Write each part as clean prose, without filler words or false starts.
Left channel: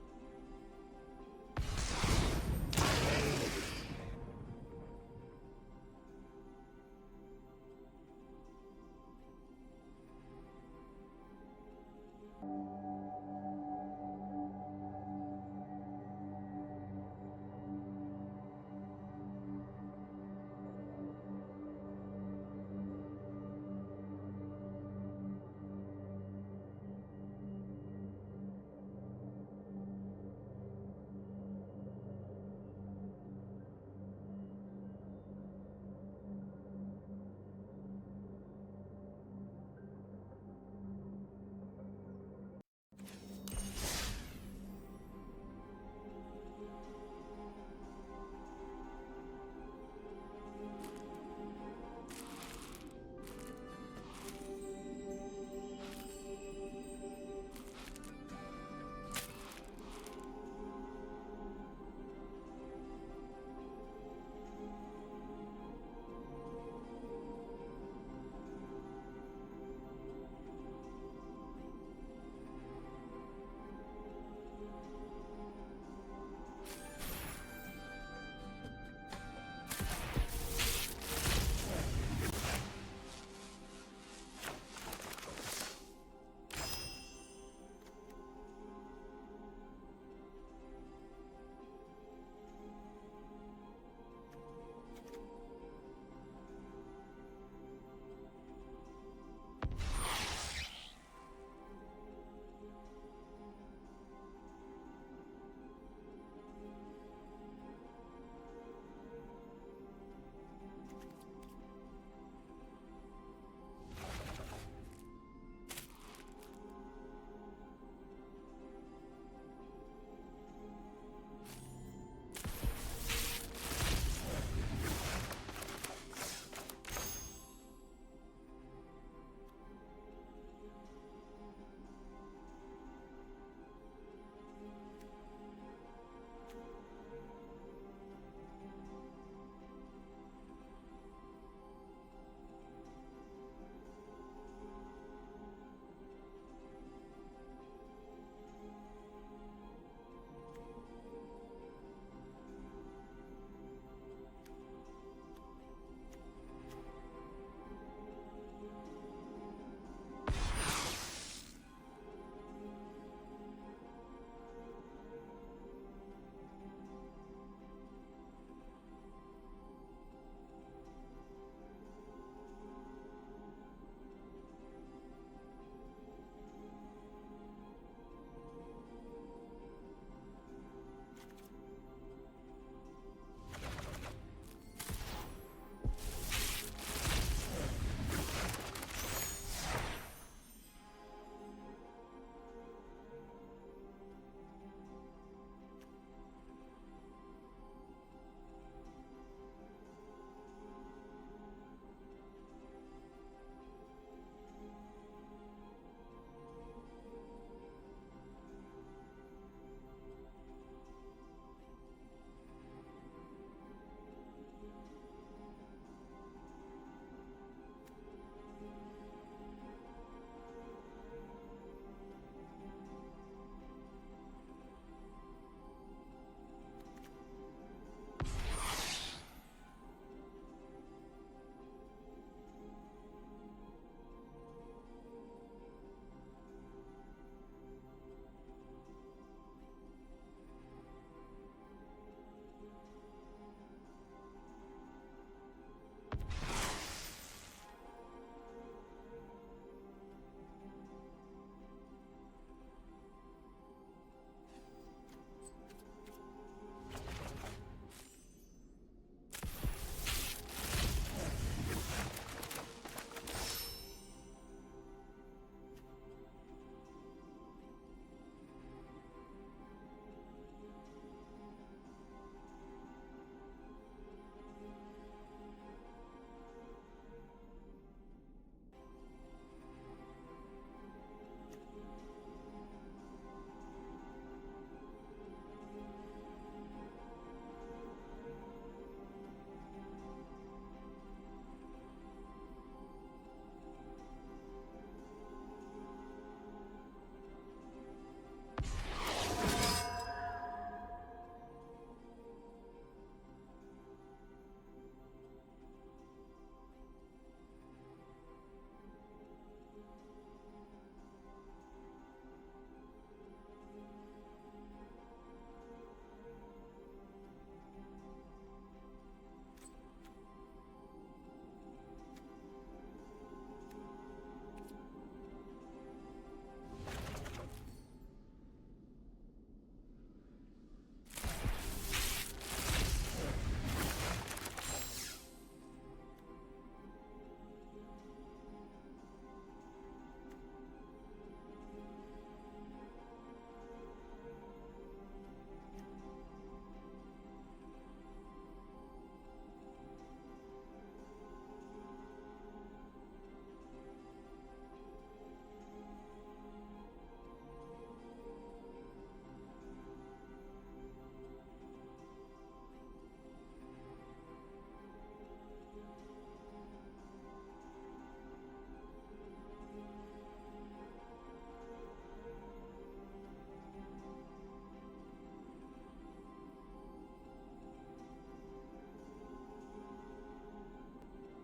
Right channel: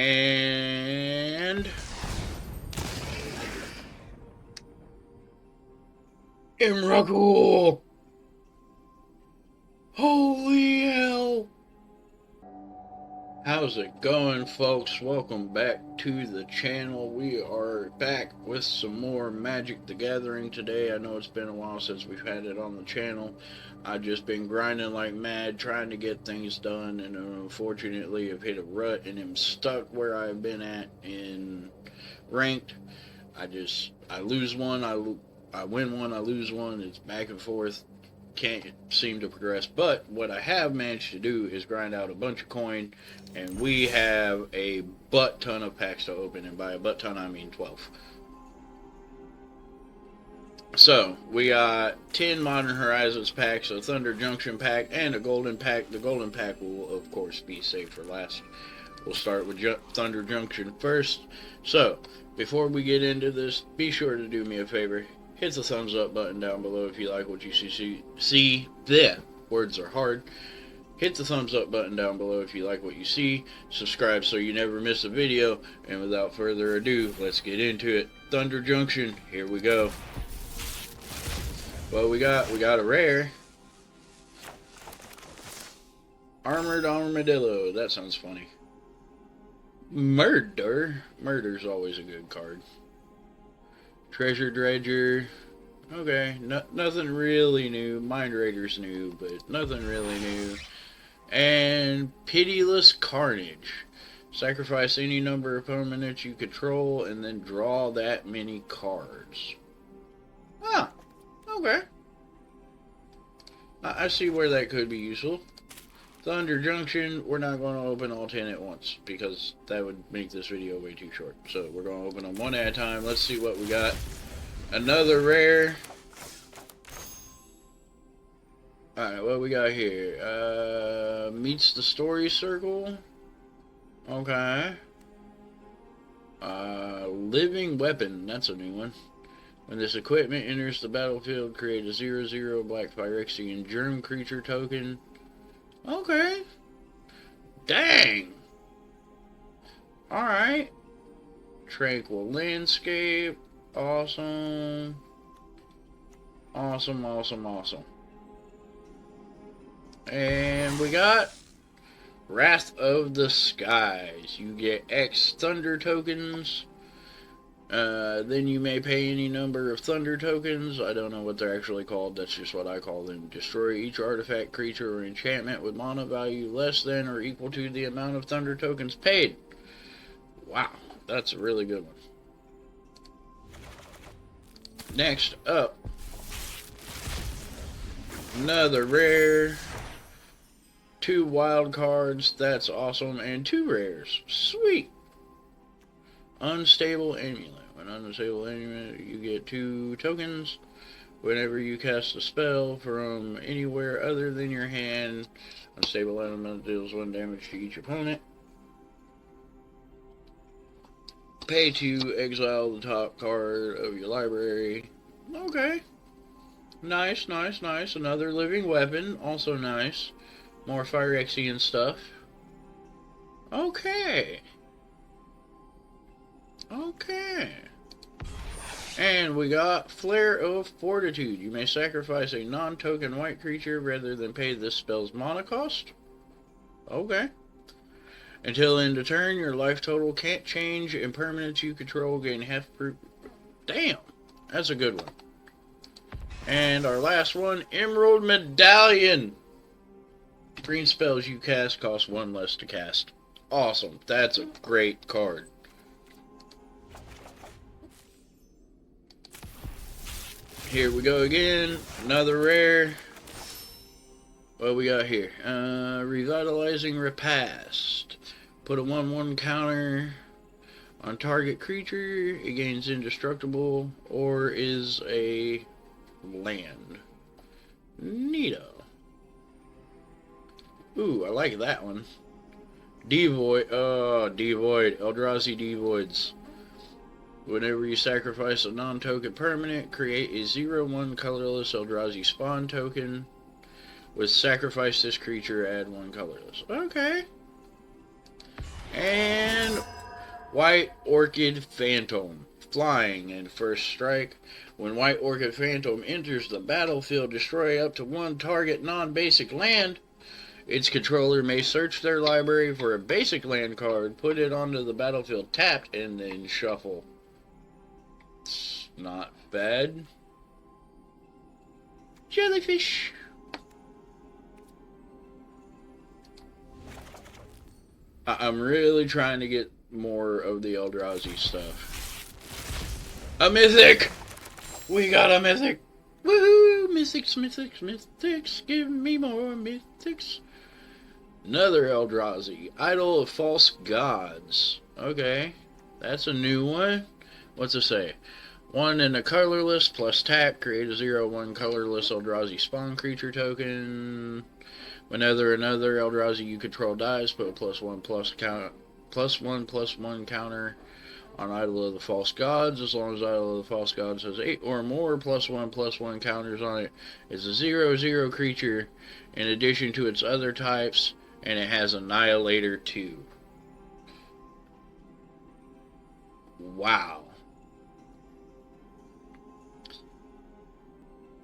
And Imrakul! Holy hell! How's it going, folks? Welcome back to the channel. We are back with some more Magic the Gathering today. I know it's been a while since we've had it on the channel. I've just been grinding like mad, trying to get things done, and unfortunately I've hit a rut and am stuck where I've been at in ranked. I lose one, I win one, I lose one. It's back and forth. Can't seem to progress. But what I have managed to do is grind out a bunch of coin, and we have a butt ton of packs to open, and by a butt ton I mean 12. So we got 10 Modern Horizons packs, a Thunder Junction pack, and a Golden pack. The Golden pack will of course be saved for last. We'll start with Thunder Junction first. So before we get into this, be sure to do me a favor. Hit the thumbs up button down below if you like what you see. Words are hard. Hit the thumbs up button down below if you like what you see. Subscribe so you never miss a video. And without further ado, let's get into it. Thunder Junction, here we go. What we got a rare. Armored Armadillo, that sounds funny. Murder's always a good card. Treasure Dredger. Okay, nothing really new. Mind Raider's new, but nothing really new. And Pitiless Carnage. Sacrifice any number of permanents you control and then draw that many cards. Ah, okay. I see where that could be useful. Thunder Junction, we're not going to open all 10 at once because that would make this video way too short. So we're going to open them one at a time. Let's see what we got. Another rare. Alright, what we got here? Meets the Story Circle. Okay. Living Weapon, that's a new one. When this equipment enters the battlefield, create a 0/0 black Phyrexian germ creature token. Okay. Dang. Alright. Tranquil Landscape. Awesome. Awesome. And we got Wrath of the Skies. You get X Thunder tokens. Then you may pay any number of Thunder tokens. I don't know what they're actually called. That's just what I call them. Destroy each artifact, creature, or enchantment with mana value less than or equal to the amount of Thunder tokens paid. Wow, that's a really good one. Next up, another rare. 2 wild cards. That's awesome. And 2 rares. Sweet. Unstable Amulet. When Unstable Amulet, you get 2 tokens. Whenever you cast a spell from anywhere other than your hand, Unstable Element deals 1 damage to each opponent. Pay to exile the top card of your library. Okay. Nice. Another Living Weapon. Also nice. More Phyrexian stuff. Okay. And we got Flare of Fortitude. You may sacrifice a non-token white creature rather than pay this spell's mana cost. Okay. Until end of turn, your life total can't change, and permanents you control gain half per... Damn! That's a good one. And our last one, Emerald Medallion. Green spells you cast cost 1 less to cast. Awesome. That's a great card. Here we go again. Another rare. What we got here? Revitalizing Repast. Put a 1/1 counter on target creature. It gains indestructible or is a land. Neato. Ooh, I like that one. Devoid. Oh, Devoid. Eldrazi Devoids. Whenever you sacrifice a non-token permanent, create a 0/1 colorless Eldrazi spawn token. With sacrifice this creature, add 1 colorless. Okay. And White Orchid Phantom. Flying and first strike. When White Orchid Phantom enters the battlefield, destroy up to one target non-basic land. Its controller may search their library for a basic land card, put it onto the battlefield tapped, and then shuffle. It's not bad. Jellyfish. I'm really trying to get more of the Eldrazi stuff. A mythic! We got a mythic! Woohoo! Mythics, mythics, mythics! Give me more mythics! Another Eldrazi. Idol of False Gods. Okay. That's a new one. What's it say? 1 in a colorless plus tap. Create a 0/1 colorless Eldrazi spawn creature token. Whenever another Eldrazi you control dies, put a +1/+1 counter on Idol of the False Gods. As long as Idol of the False Gods has 8 or more +1/+1 counters on it, it's a 0/0 creature in addition to its other types, and it has Annihilator 2. Wow.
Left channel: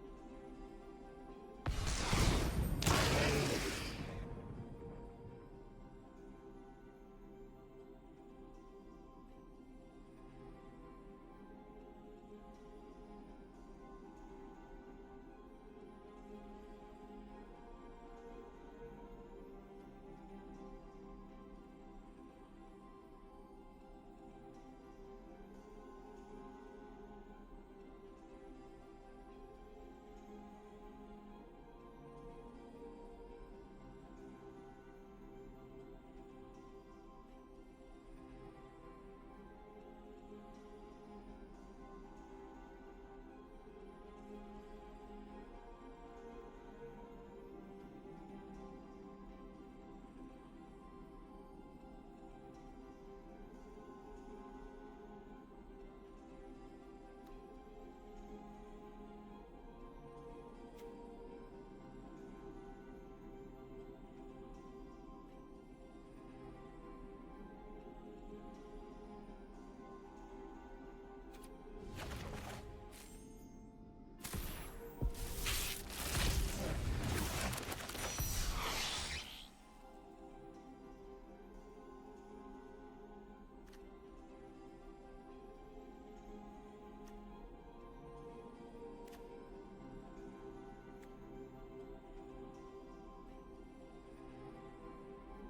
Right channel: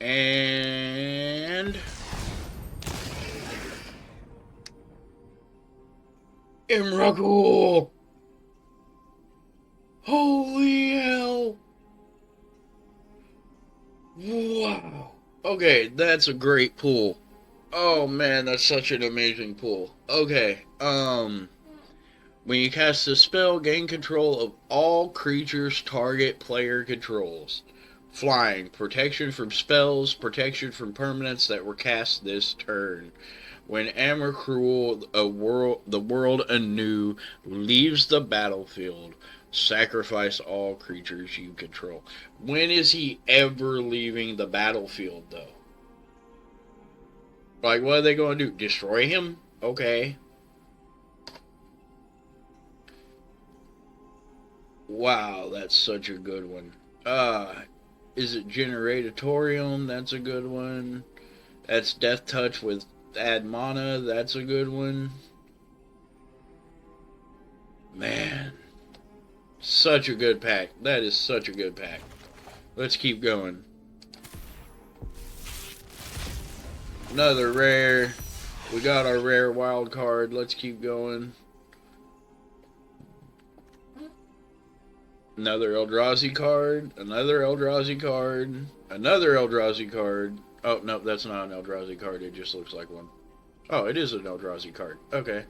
And Emrakul! Holy hell! Wow. Okay, that's a great pull. Oh man, that's such an amazing pull. Okay, when you cast a spell, gain control of all creatures target player controls. Flying, protection from spells, protection from permanents that were cast this turn. When Emrakul, the world anew, leaves the battlefield, sacrifice all creatures you control. When is he ever leaving the battlefield, though? Like, what are they going to do? Destroy him? Okay. Wow, that's such a good one. Is it Generatorium? That's a good one. That's Death Touch with add mana. That's a good one. Man. Such a good pack. That is such a good pack. Let's keep going. Another rare. We got our rare wild card. Let's keep going. Another Eldrazi card. Another Eldrazi card. Another Eldrazi card. Oh, no, that's not an Eldrazi card. It just looks like one. Oh, it is an Eldrazi card. Okay.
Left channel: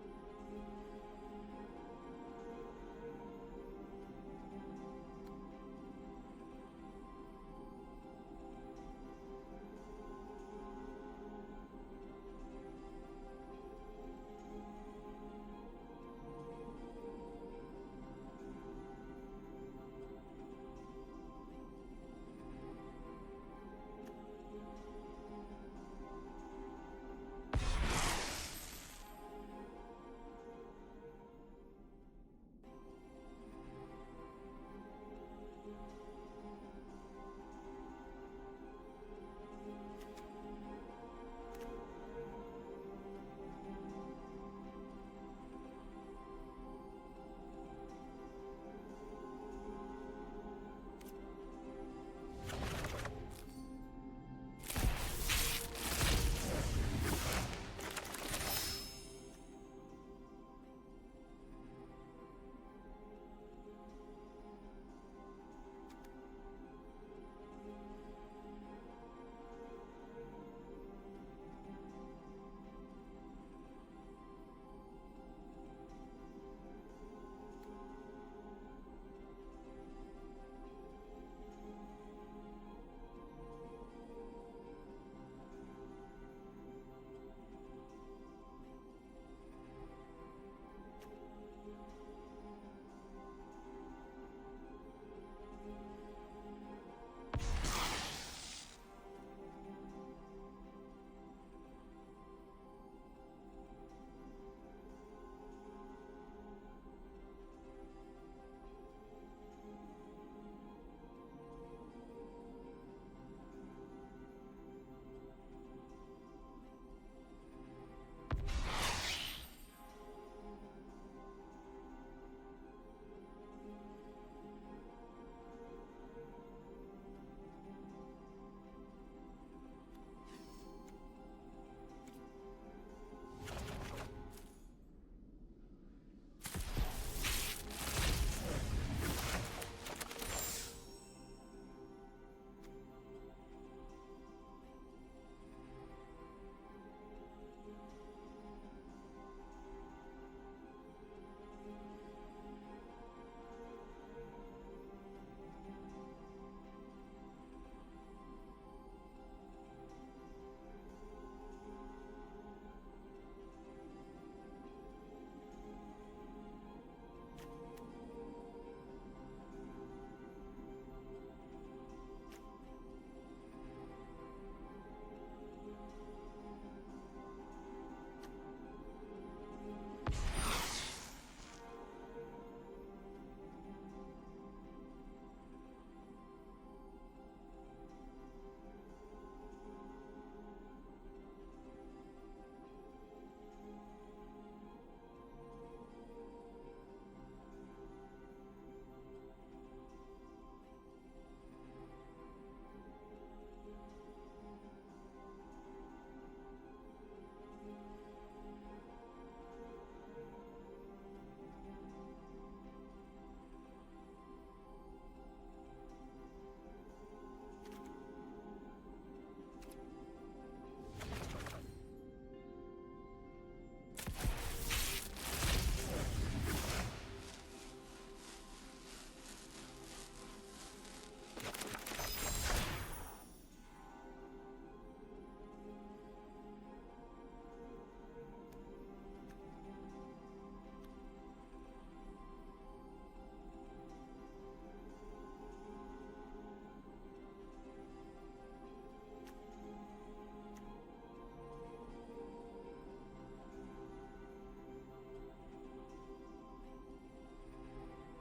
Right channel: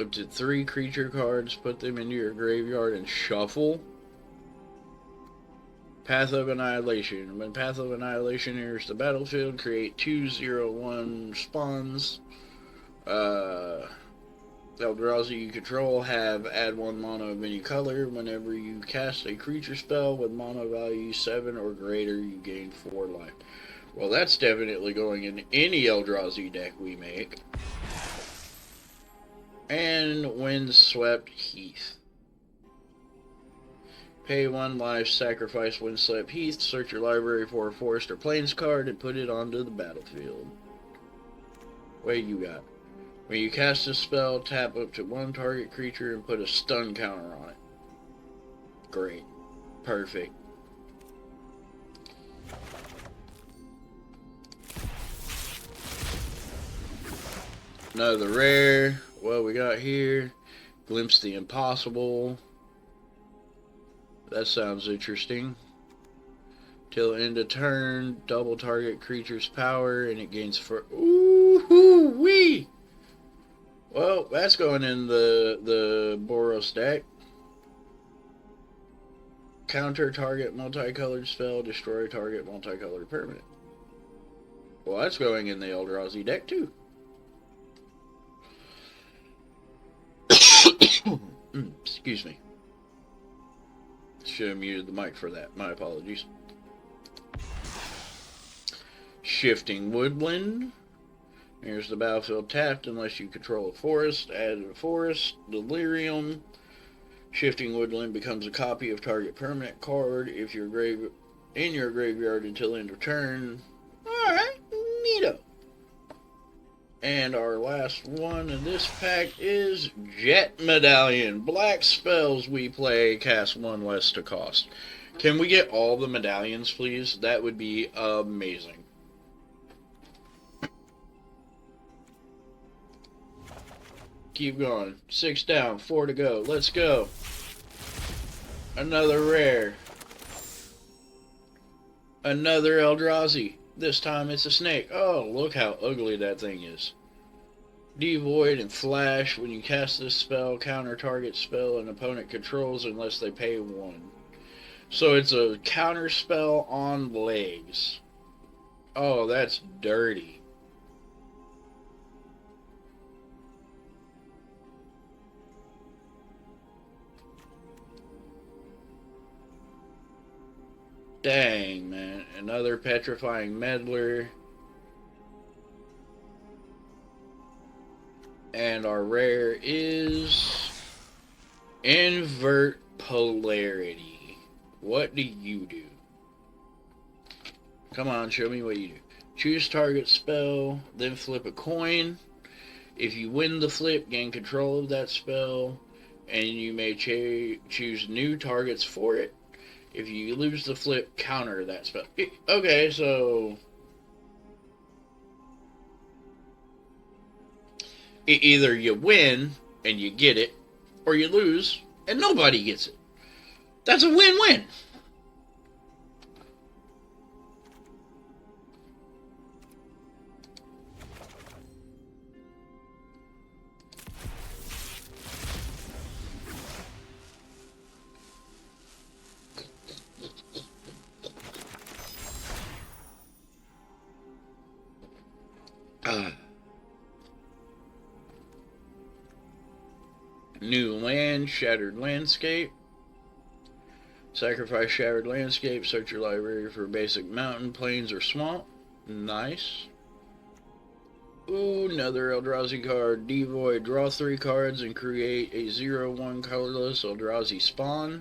Up to 3 creature cards. Put them into your graveyard and shuffle. Path of Annihilation. When Path of Annihilation enters the battlefield, create 2/0/1 spawns. Eldrazi you control have add 1 mana of any color. Whenever you cast a creature spell with mana value 7 or greater, you gain 4 life. Well, that's definitely going in any Eldrazi deck we make. And Windswept Heath. Pay 1 life, sacrifice Windswept Heath, search your library for a forest or plains card, and put it onto the battlefield. What you got? When you cast a spell, tap up to 1 target creature and put a stun counter on it. Great. Perfect. Another rare. What we got here? Glimpse the Impossible. That sounds interesting. Till end of turn, double target creature's power, and it gains for. Ooh wee! Well, that's going in the Boros deck. Counter target multicolored spell, destroy target multicolored permanent. Well, that's going in the Eldrazi deck too. Excuse me. Should have muted the mic for that. My apologies. Shifting Woodland. Here's the battlefield tapped unless you control a forest. Add a forest. Delirium. Shifting Woodland becomes a copy of target permanent card if you're in your graveyard until end of turn. Alright, neato. And our last one in this pack is Jet Medallion. Black spells we play cast one less to cost. Can we get all the medallions, please? That would be amazing. Keep going. 6 down, 4 to go. Let's go. Another rare. Another Eldrazi. This time it's a snake. Oh, look how ugly that thing is. Devoid and Flash. When you cast this spell, counter target spell an opponent controls unless they pay 1. So it's a counter spell on legs. Oh, that's dirty. Dang, man. Another Petrifying Meddler. And our rare is Invert Polarity. What do you do? Come on, show me what you do. Choose target spell, then flip a coin. If you win the flip, gain control of that spell, and you may choose new targets for it. If you lose the flip, counter that spell. Okay, so either you win and you get it, or you lose and nobody gets it. That's a win-win. New land, Shattered Landscape. Sacrifice Shattered Landscape, search your library for basic mountain, plains, or swamp. Nice. Ooh, another Eldrazi card. Devoid, draw 3 cards and create a 0/1 colorless Eldrazi spawn.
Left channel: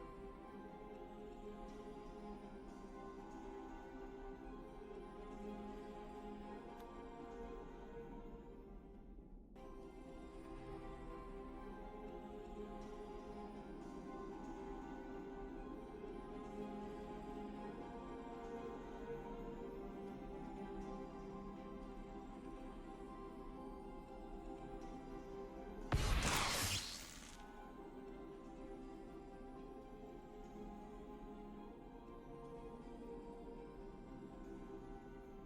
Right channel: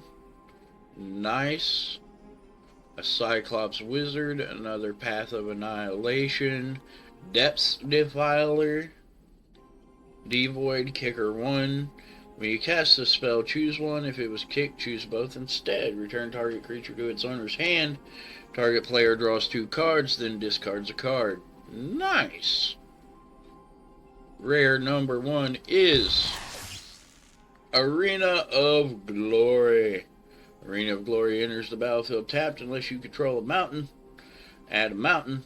Nice. A Cyclops Wizard, another Path of Annihilation. Depths Defiler. Devoid, kicker 1. When you cast this spell, choose one. If it was kicked, choose both instead. Return target creature to its owner's hand. Target player draws 2 cards, then discards a card. Nice. Rare number 1 is Arena of Glory. Arena of Glory enters the battlefield tapped unless you control a mountain. Add a mountain.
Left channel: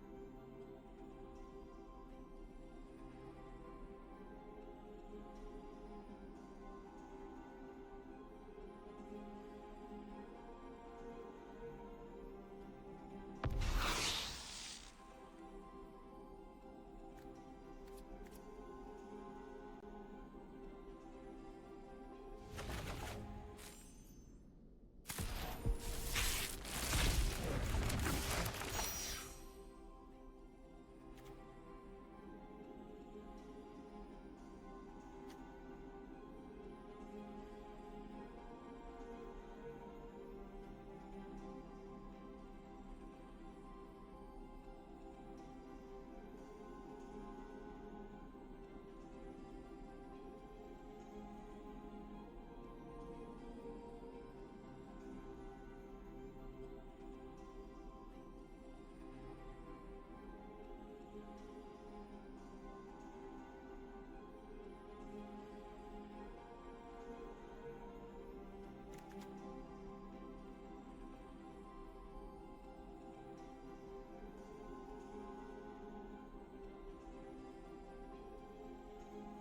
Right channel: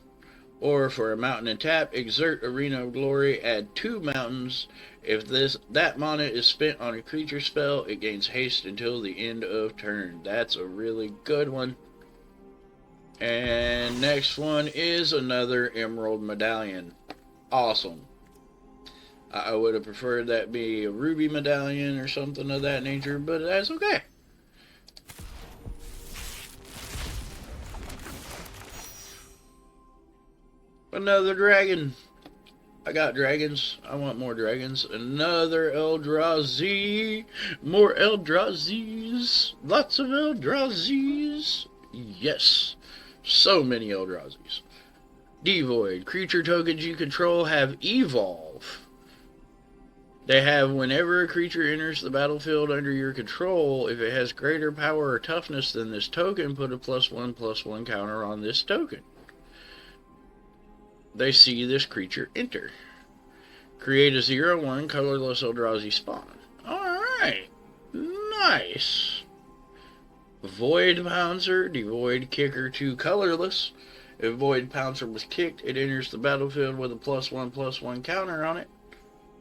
Or for a mountain and tap, exert Arena of Glory, add 2 mountains. If that mana is spent on a creature spell, it gains haste until the end of turn. That's a really good one. And next one is another Emerald Medallion. Awesome. I would have preferred that be a Ruby Medallion or something of that nature, but that's okay. Another dragon. I got dragons. I want more dragons. Another Eldrazi. More Eldrazi's. Lots of Eldrazi's. Yes. So many Eldrazi's. Devoid. Creature tokens you control have evolve. They have whenever a creature enters the battlefield under your control, if it has greater power or toughness than this token, put a +1/+1 counter on this token. They see this creature enter. Create a 0/1 colorless Eldrazi spawn. Alright. Nice. Void Pouncer. Devoid kicker 2 colorless. If Void Pouncer was kicked, it enters the battlefield with a +1/+1 counter on it.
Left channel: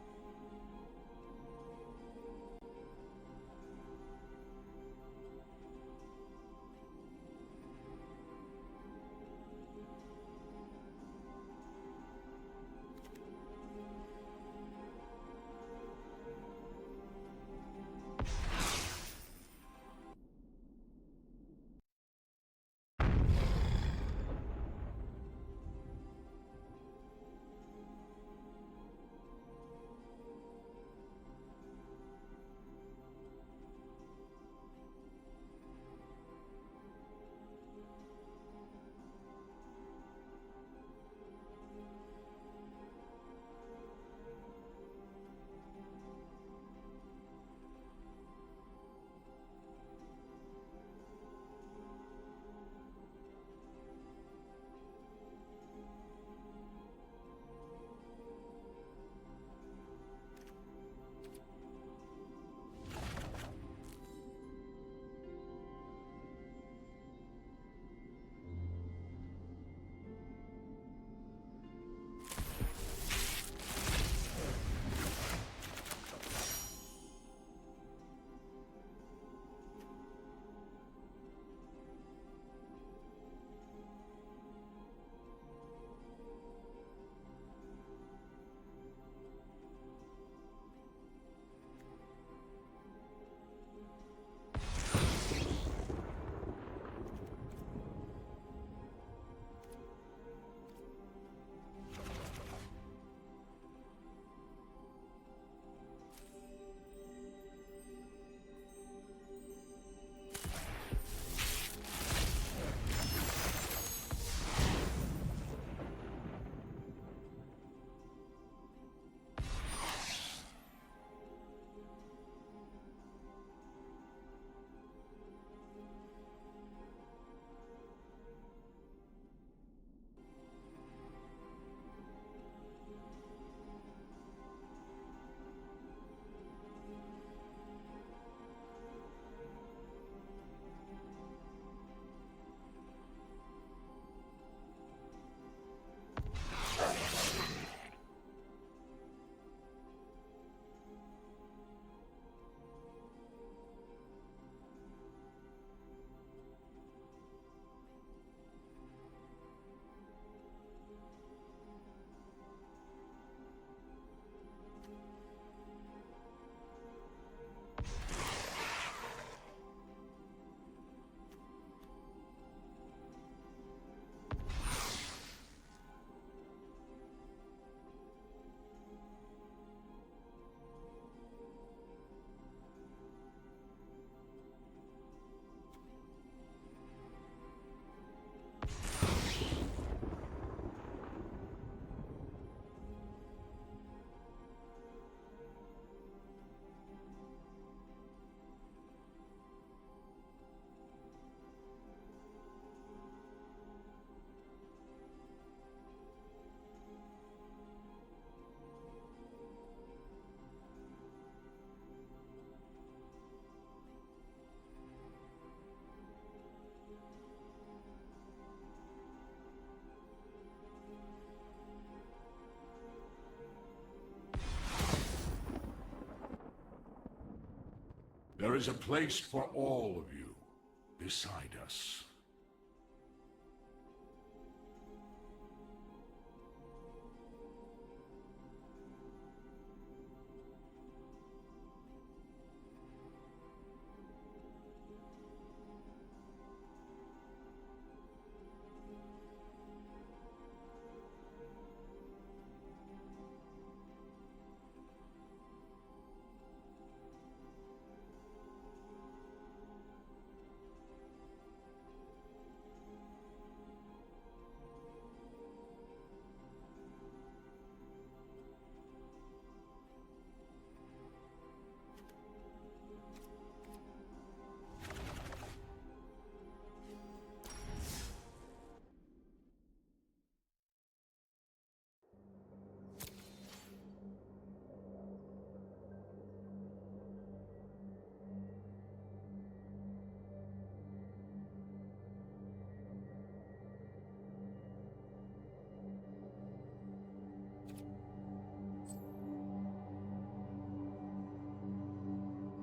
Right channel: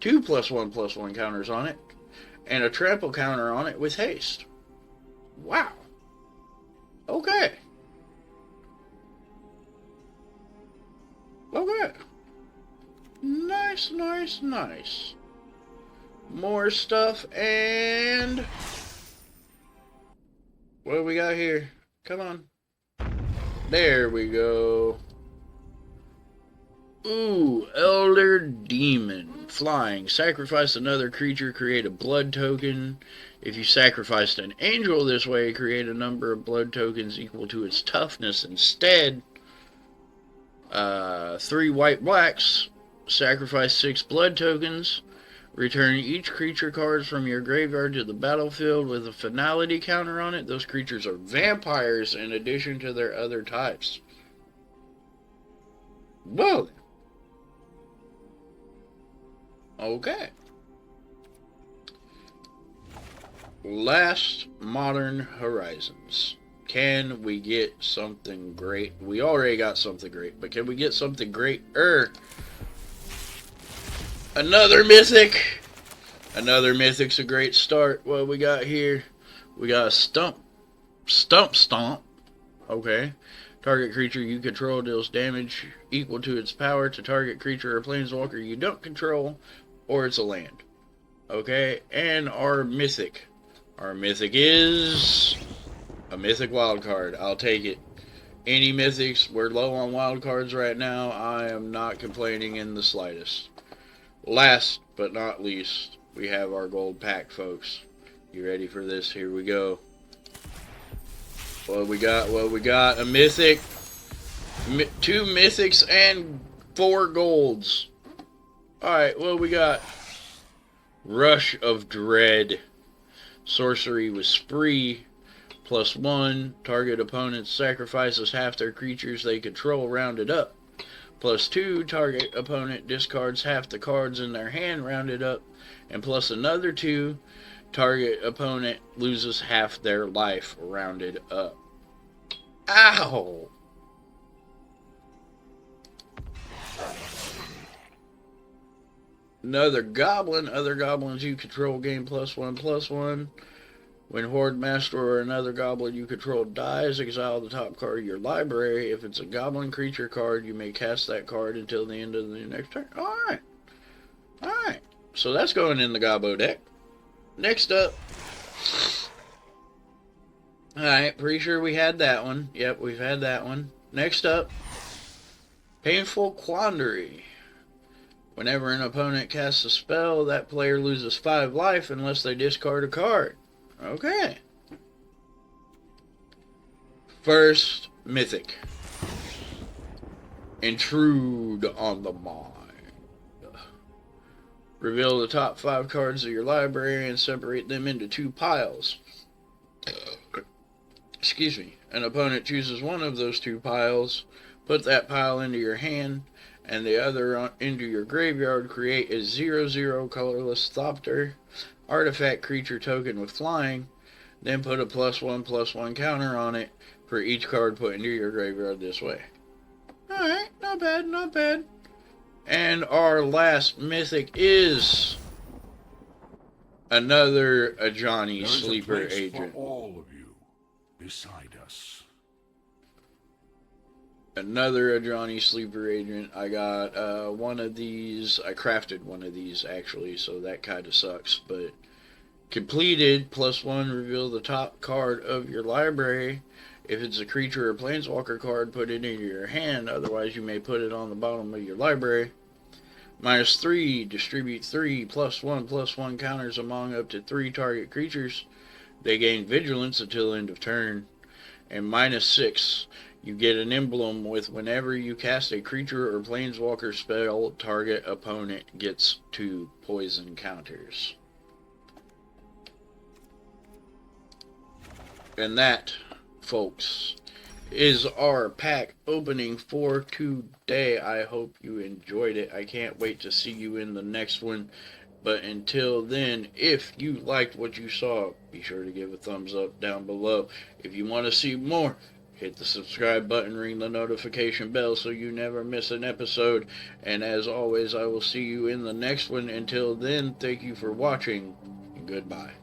2 +1/+1 counters on it. And a trample counter on it with haste. Wow. Okay. Okay. Nice, nice, nice. More stuff, and what do we got here? Come on. There we go. Ooh, Elder Demon. Flying. Sacrifice another creature, create a blood token. If you sacrificed an angel this way, create a number of blood tokens equal to its toughness instead. 3 white blacks. sacrifice 6 blood tokens. Return each creature cards from your graveyard to the battlefield with a finality counter on it. Those creatures are vampires in addition to their other types. Well, okay. Last Modern Horizons. Can we get something great? We already got something great, but can we get something greater? Another mythic. Another mythic's a great start. What we got here? We got a stomp. Stomp. Okay. Target creature you control deals damage equal to its power to target creature or planeswalker you don't control, or it's a land. Okay. And our mythic. Our mythic is a mythic wild card. I'll take it. Any mythics, we're low on wild cards right now. I am not complaining in the slightest. Last but not least, we have our gold pack, folks. You ready for this? Here we go. What we got? A mythic, 2 mythics, and 4 golds. Alright, what we got? Rush of Dread. Sorcery with Spree. +1. Target opponent sacrifices half their creatures they control rounded up. +2. Target opponent discards half the cards in their hand rounded up. And plus another 2. Target opponent loses half their life rounded up. Ow! Another goblin. Other goblins you control gain +1/+1. When Horde Master or another goblin you control dies, exile the top card of your library. If it's a goblin creature card, you may cast that card until the end of the next turn. Alright. Alright. So that's going in the Gobbo deck. Next up. Alright, pretty sure we had that one. Yep, we've had that one. Next up. Painful Quandary. Whenever an opponent casts a spell, that player loses 5 life unless they discard a card. Okay. First, mythic. Intrude on the mind. Reveal the top 5 cards of your library and separate them into 2 piles. Excuse me. An opponent chooses one of those 2 piles. Put that pile into your hand and the other into your graveyard. Create a 0/0 colorless Thopter artifact creature token with flying. Then put a +1/+1 counter on it for each card put into your graveyard this way. Alright, not bad, not bad. And our last mythic is another Ajani Sleeper Agent. There is a place for all of you beside us. Another Ajani Sleeper Agent. I got one of these. I crafted one of these, actually, so that kind of sucks. But completed, +1, reveal the top card of your library. If it's a creature or planeswalker card, put it into your hand. Otherwise, you may put it on the bottom of your library. -3, distribute 3 +1/+1 counters among up to 3 target creatures. They gain vigilance until end of turn. And -6, you get an emblem with whenever you cast a creature or planeswalker spell, target opponent gets 2 poison counters. And that, folks, is our pack opening for today. I hope you enjoyed it. I can't wait to see you in the next one. But until then, if you liked what you saw, be sure to give a thumbs up down below. If you want to see more, hit the subscribe button, ring the notification bell so you never miss an episode. And as always, I will see you in the next one. Until then, thank you for watching. Goodbye.